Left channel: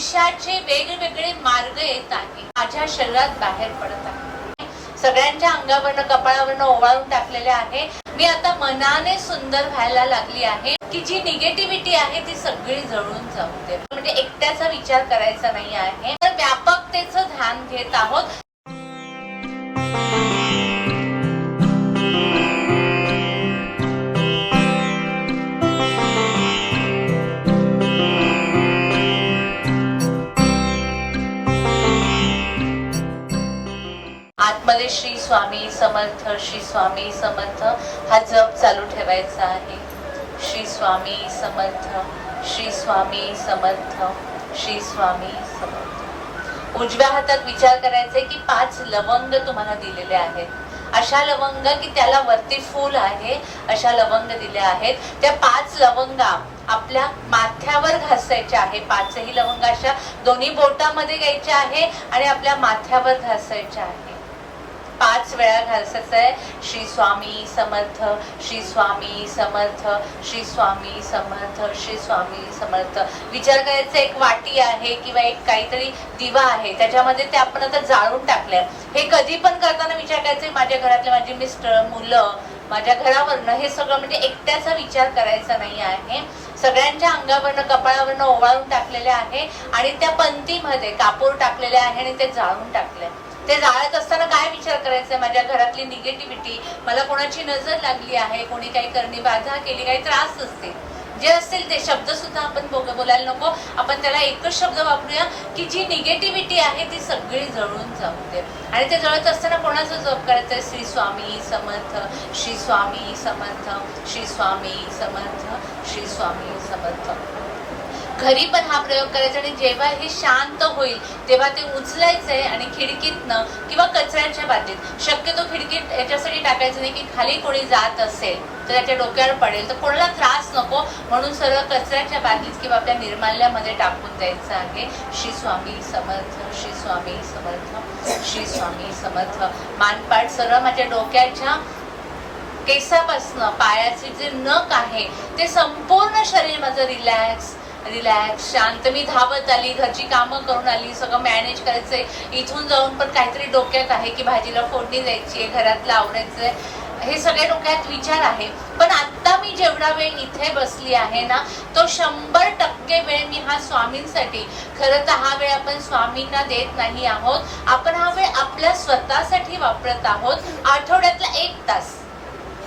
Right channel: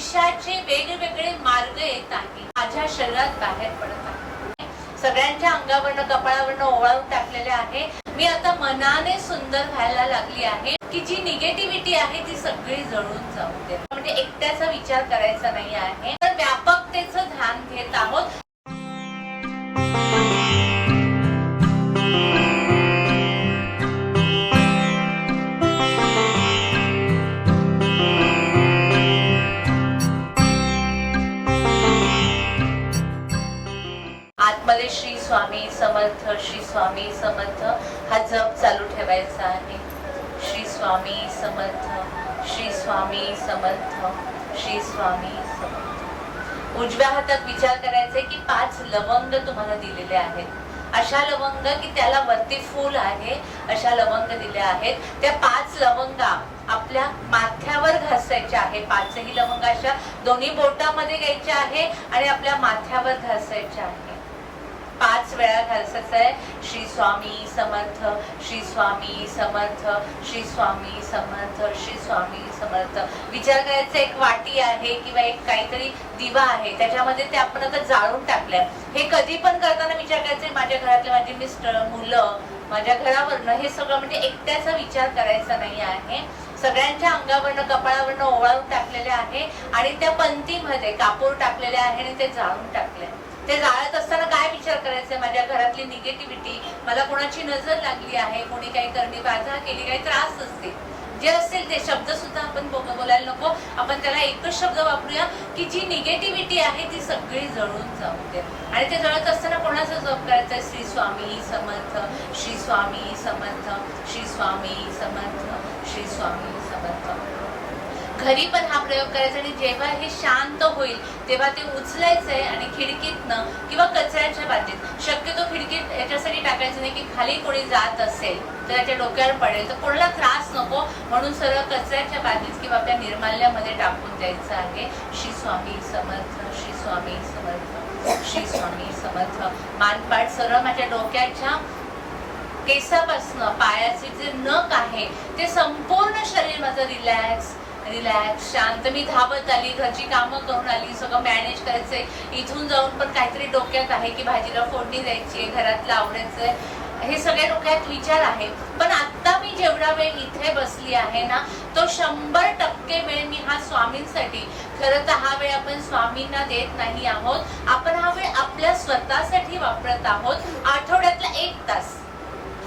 आयुष्याचे वेगवेगळे मार्ग येत आहेत. माझ्या शरीरात बाहेर पडत आहे. सगळ्यांच्या अंगावरनं कपाळावरनं ओवाळून टाकलेले आहे. मी आता मनाने सुंदर व्हायला लागली आहे. की जी निगेटिव्हिटी आहे ती सगळी जळून जाऊ दे. म्हणजे एकट्याचा विचार करायचा नाही आहे. तर व्यापकतेचं ध्यान घेत आहोत. मध्ये श्री स्वामी समर्थ श्री स्वामी समर्थ हा जप चालू ठेवायचा आहे. श्री स्वामी समर्थ श्री स्वामी समर्थ श्री स्वामी समर्थ. उजव्या हातात विचार करायचा की पाच लवंग तुम्हाला दिलेले आहेत. अशा लवंग की त्याला वरती फूल आहे अशा लवंग दिल्या आहेत. त्या पाच लवंगा आपल्या माथ्यावर घासायच्या आहे पाचही लवंग अशा दोन्ही बोटामध्ये घ्यायच्या आहे आणि आपल्या माथ्यावर घासायच्या आहे वेळा घालसायचं आहे. श्री स्वामी समर्थ श्री स्वामी समर्थ श्री स्वामी समर्थ श्री स्वामी समर्थ. विचार करायचा एक वाटी आहे किंवा एक काहीतरी दिवा आहे. त्याच्यामध्ये ते आपण आता जाळून टाकलंय. हे कधी पण करताना विचार करायचंय माझ्या घरातले माझे मिस्टर मुलं माझ्या घरावरनं हे सगळं म्हणजे एकट्याचा विचार करायचा नाही आहे. सगळ्यांच्या अंगावरनं कपाळावरनं ओवाळून टाकलेले आहे आणि त्या पंथीमध्ये कापूर टाकलेले आहे आणि ते जाळून टाकले ते जाळत असताना काय विचार करायचा माझ्या घरातली निगेटिव्हिटी मला कोणाची नजर लागली आहे? कोणी काही करणी बाधा केली काही त्रास असते. जे असतील ते शब्द सुद्धा आपण बोलायला नको. आपण त्याला एकच शब्द वापरूया की जी निगेटिव्हिटी आहे ती सगळी जळून जाऊ दे आणि ते जळत असताना कोणाचा जप करायचा श्री स्वामी समर्थ श्री स्वामी समर्थ श्री स्वामी समर्थ श्री स्वामी समर्थ. घरी पण हा प्रयोग करायचा आणि जेव्हा हे शांत होईल तेव्हा ते उचलायचंय आणि खिडकीतनं किंवा कचऱ्याच्या बाजूत शक्यतो खिडकीत याच्यासाठी टाकायचं नाही की खाली कोणी जात असेल तर त्याच्या डोक्यावर पडेल. तर कोणाला त्रास नको म्हणून सरळ कचऱ्याच्या बाजूत किंवा आपल्या निर्माल्यामध्ये टाकून द्यायचं आहे. श्री स्वामी समर्थ श्री स्वामी समर्थ श्री स्वामी समर्थ. मानपाट सरळ माझ्या डोक्याच्या केसापासनं पायाचे जे नख आहे ते संपूर्ण शरीर माझं रिलॅक्स रिलॅक्स शांत मी धावत आली घरची कामं करून आली सगळं मॅनेज करायचंय. इथून जाऊन पण काहीतरी डोक्यात आहे की भाजीला फोडणी द्यायची घरातलं आवडायचंय हे सगळ्या डोक्यात विचार आहे. पण आता मी जेवढा वेळ इथे बसली आहे ना तो शंभर टक्के वेळ मी हा स्वामींसाठी खरं तर हा वेळ आपण स्वामींना देत नाही आहोत. आपण हा वेळ आपल्या स्वतःसाठी वापरत आहोत. आठवड्यातला एक तास.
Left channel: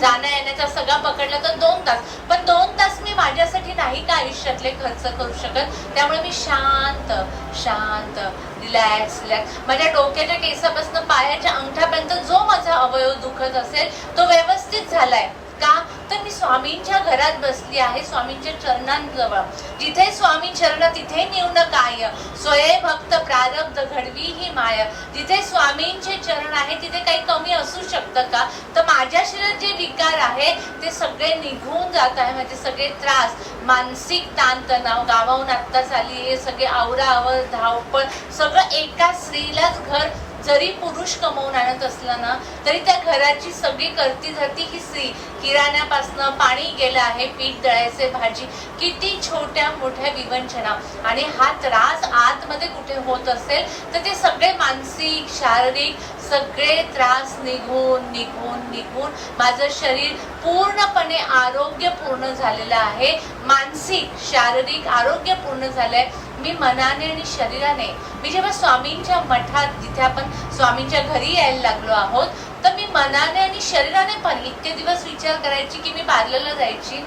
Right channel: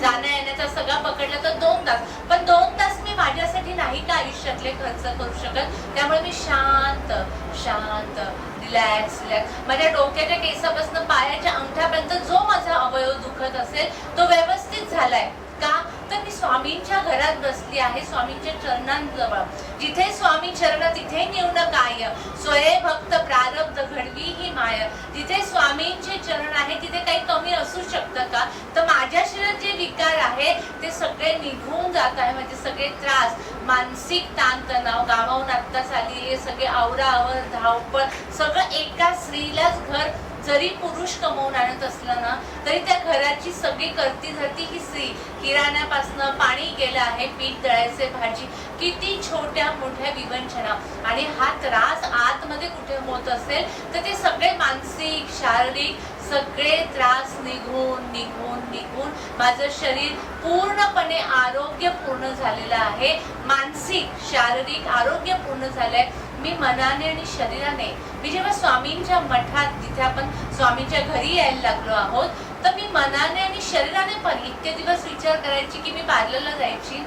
जाण्या येण्याचा सगळा पकडला तर दोन तास. पण दोन तास मी माझ्यासाठी नाही का आयुष्यातले खर्च करू शकत? त्यामुळे मी शांत शांत रिलॅक्स रिलॅक्स माझ्या डोक्याच्या केसापासून पायाच्या अंगठ्यापर्यंत जो माझा अवयव दुखत असेल तो व्यवस्थित झालाय. का? तर मी स्वामींच्या घरात बसली आहे स्वामींच्या चरणांजवळ. जिथे स्वामी चरण तिथे निवड काय स्वयंभक्त प्रारब्ध घडवी माया. जिथे स्वामींचे चरण आहे तिथे काही कमी असू शकतं का? तर माझ्या शरीरात जे विकार आहे ते सगळे निघून जात आहे. म्हणजे सगळे त्रास मानसिक ताणतणाव गावाहून आत्ताच आली हे सगळे आवरावर धावपळ सगळं एका स्त्रीलाच घर जरी पुरुष कमवून आणत असला ना तरी त्या घराची सगळी करती धरती ही स्त्री किराण्यापासनं पाणी गेलं आहे पीठ दळायचे भाजी. किती छोट्या मोठ्या विवंचना. आणि हा त्रास आतमध्ये कुठे होत असेल तर ते सगळे मानसिक शारीरिक सगळे त्रास निघून निघून निघून माझं शरीर पूर्णपणे आरोग्यपूर्ण झालेलं आहे. मानसिक शारीरिक आरोग्य पूर्ण झालंय. मी मनाने आणि शरीराने मी जेव्हा स्वामींच्या मठात जिथे आपण स्वामींच्या घरी यायला लागलो आहोत तर मी मनाने आणि शरीराने पण इतके दिवस विचार करायची की मी पार्लरला जायची?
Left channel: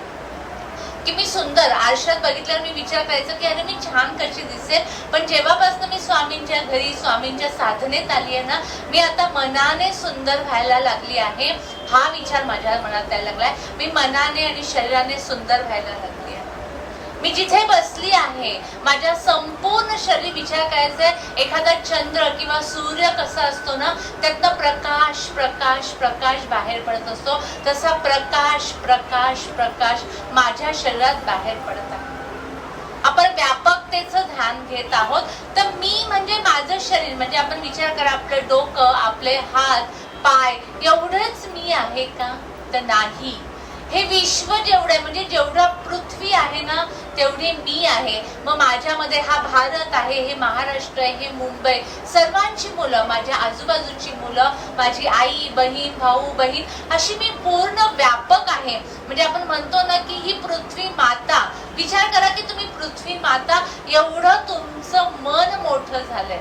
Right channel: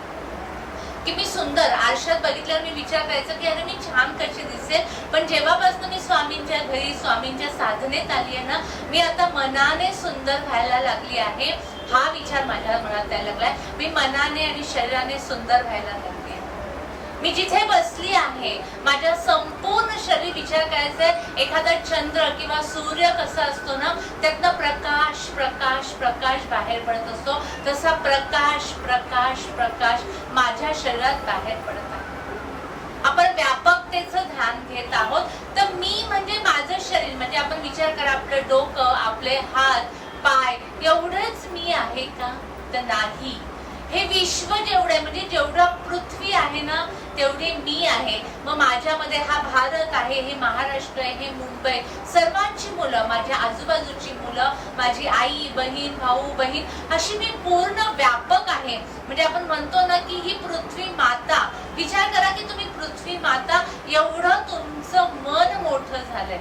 की मी सुंदर आरशात बघितल्यावर मी विचार करायचा की अरे मी छान कशी दिसेल? पण जेव्हापासून मी स्वामींच्या घरी स्वामींच्या साधनेत आली आहे ना मी आता मनाने सुंदर व्हायला लागली आहे. हा विचार माझ्या मनात यायला लागलाय. मी मनाने आणि शरीराने सुंदर व्हायला लागली मी जिथे बसली आहे माझ्या संपूर्ण शरीर विचार करायचा एखादा चंद्र किंवा सूर्य कसा असतो ना त्यातनं प्रकाश प्रकाश प्रकाश बाहेर पडत असतो. तसा प्रकाश प्रकाश प्रकाश माझ्या शरीरात बाहेर पडत आहे. आपण व्यापकतेचं ध्यान घेत आहोत. तर मी म्हणजे माझं शरीर म्हणजे आपण विचार करा आपलं डोकं आपले हात पाय एवढंच मी आहे का? तर नाही. हे विश्व जेवढं तेवढी मी आहे. मग माझ्यामध्ये हा भारत आहे हे महाराष्ट्र आहे हे मुंबई. सर्वांची मुलं माझ्या आजूबाजूची मुलं माझी आई बहीण भाऊ बहीण अशी मी पूर्ण व्यापक आहे. म्हणजे आपण म्हणतो ना की ही पृथ्वी माता. विचार करा की तुम्ही पृथ्वी माता एवढं तुमचं मन मोठं झालंय.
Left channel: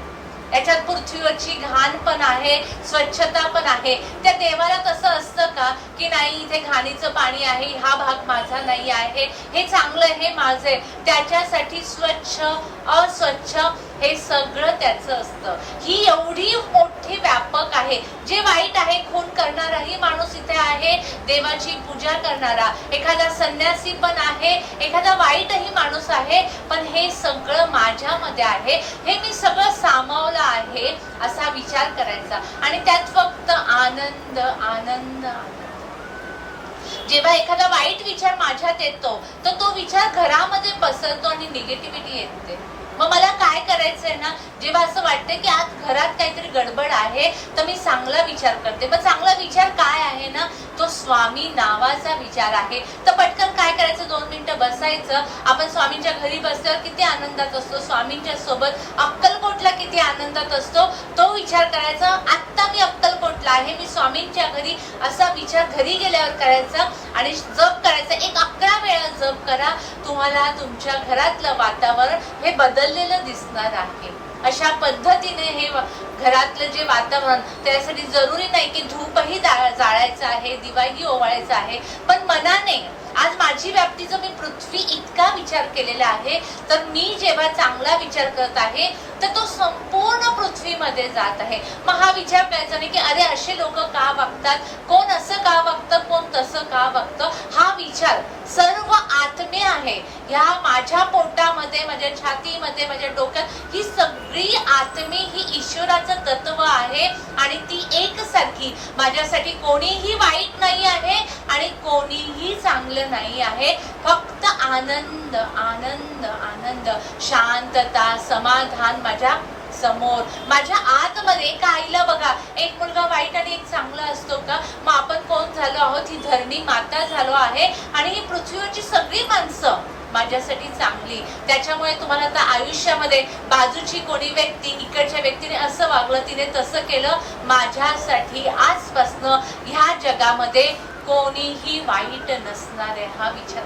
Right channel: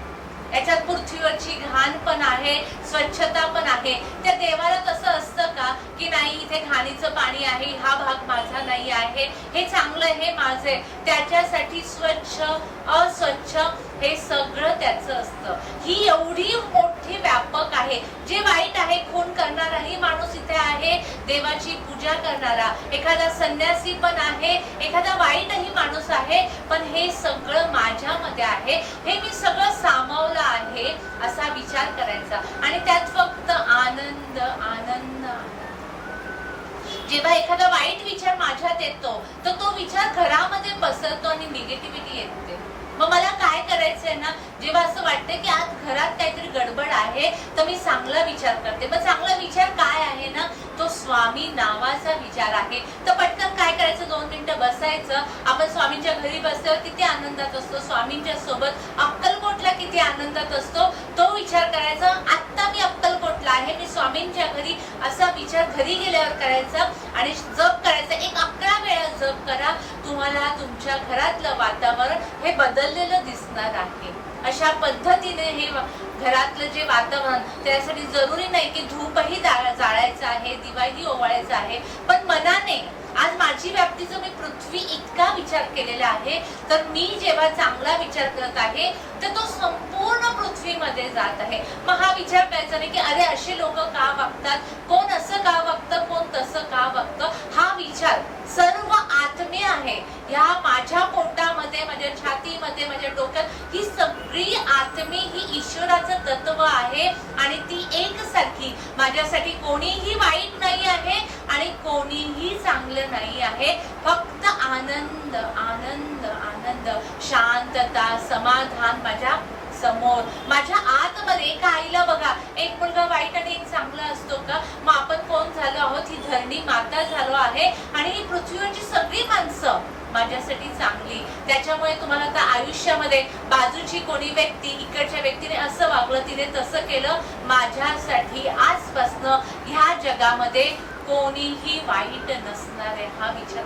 याच्यात पृथ्वीवरची घाण पण आहे स्वच्छता पण आहे. त्या देवाला कसं असतं का की नाही इथे घाणीचं पाणी आहे हा भाग माझा नाही आहे हे चांगलं हे माझे त्याच्यासाठी स्वच्छ अस्वच्छ हे सगळं त्याचं असतं. ही एवढी मोठी व्यापक आहे. जे वाईट आहे खून करणाराही माणूस इथे आहे देवाची पूजा करणारा. एखादा संन्यासी पण आहे एखादा वाईटही माणूस आहे पण हे सगळं मध्ये आहे. हे मी सगळं सामावलं आहे असा विचार करायचा. आणि त्यात फक्त आनंद आनंद जेव्हा एखादा वाईट विचार माझ्यात येतो तर तो विचार घरामध्ये पसरतो आणि निगेटिव्हिटी येते. मग मला काय करायचंय? जेव्हा असं वाटतं की आज घरात काहीतरी गडबड आहे तर मी चांगला विचार करते. मग चांगला विचार काय आहे ना तो स्वामी नावाचा विचार आहे. तर पटकन काय करायचं? दोन मिनिटं बसायचं. आपण स्वामींच्या घरी बसल्यावर किती आनंदात असतो. स्वामींच्या सोबत अक्कलकोटला किती आनंदात असतो. तो विचार करायचा आत्ता मी अक्कलकोटला आहे. मी स्वामींच्या घरी असा विचार घरी गेल्यावर करायचा आणि जप करायचा. एक अकरा वेळा जप करा. तुम्हाला तुमच्या घरातलं वातावरण हे बदललेलं दिसणार आहे. अशा पद्धतीने हे घरातलं जे वातावरण त्यासाठी जरुरी नाही की धूपही जाळायचं आहे दिवाळी ओवाळायचं आहे. पण मनाने आज माझी व्याप्तीचा मी पृथ्वी इतका विचार केलेला आहे तर मी जेव्हा चांगला विचार करत आहे तर तो संपूर्ण पृथ्वीमध्ये जात आहे. मग हा विचार करायचा नाही की अरे असे लोक का वागतात? कोण असं का वागतं? कोण तसं का वागतं? हा विचार आहे. या माझ्या पोटामध्ये माझ्या छातीमध्ये माझ्या डोक्यात ही सगळी आत्मी ही ईश्वराचं तत्व आहे आणि ती एकसारखी. माझ्यासाठी कोणीही वाईट नाही आहे आणि कोणीही चांगलं नाही आहे. फक्त आनंद आनंद आनंद शांतता समाधान माझ्या समोर. माझ्या आतमध्ये एक आईला बघा. एक मुलगा वाईट आणि एक चांगला असतो का? मग आपण कोण झालो आहोत? ही धरणी माता झालो आहे आणि ही पृथ्वीवरची सगळी माणसं माझ्यासाठी चांगली. त्याच्यामुळे तुम्हाला आता आयुष्यामध्ये बाजूची कोणी व्यक्ती इकडच्या व्यक्तीने असं वागलं तिने तसं केलं माझ्यासाठी आजपासनं ह्या जगामध्ये कोणीही वाईट नसणार आहे हा विचार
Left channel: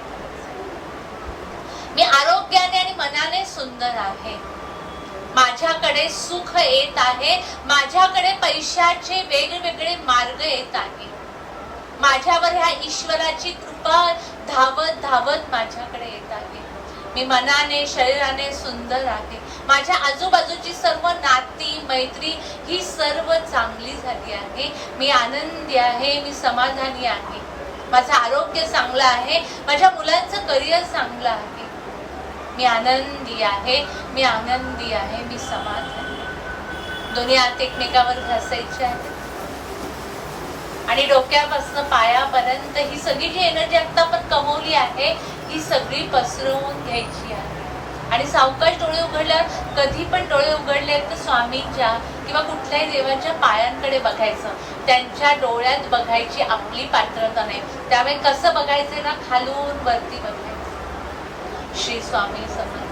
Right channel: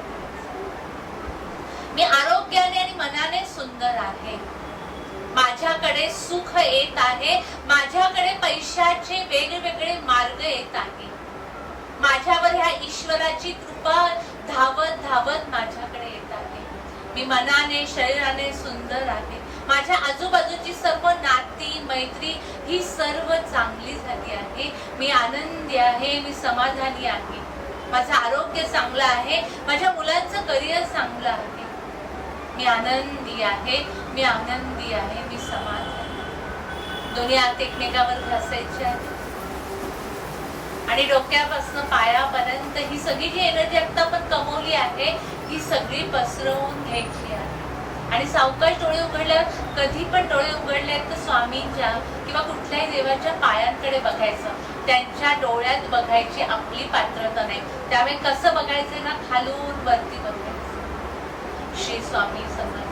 मी आरोग्याने आणि मनाने सुंदर आहे. माझ्याकडे सुख येत आहे. माझ्याकडे पैशाचे वेगवेगळे मार्ग येत आहे. माझ्यावर ह्या ईश्वराची कृपा धावत धावत माझ्याकडे येत आहे. मी मनाने शरीराने सुंदर आहे. माझ्या आजूबाजूची सर्व नाती मैत्री ही सर्व चांगली झाली आहे. मी आनंदी आहे मी समाधानी आहे. माझं आरोग्य चांगलं आहे. माझ्या मुलांचं करिअर चांगलं आहे. मी आनंदी आहे मी आनंदी आहे मी समाधानी दोन्ही हात एकमेकावर घासायचे आहे आणि डोक्यापासून पायापर्यंत ही सगळी जी एनर्जी आता आपण कमवली आहे ही सगळी पसरवून घ्यायची आहे. आणि सावकाश डोळे उघडल्यावर कधी पण डोळे उघडले तर स्वामींच्या किंवा कुठल्याही देवाच्या पायांकडे बघायचं. त्यांच्या डोळ्यात बघायची आपली पात्रता नाही. त्यामुळे कसं बघायचं ना? खालून वरती बघायचं. श्री स्वामी समर्थ.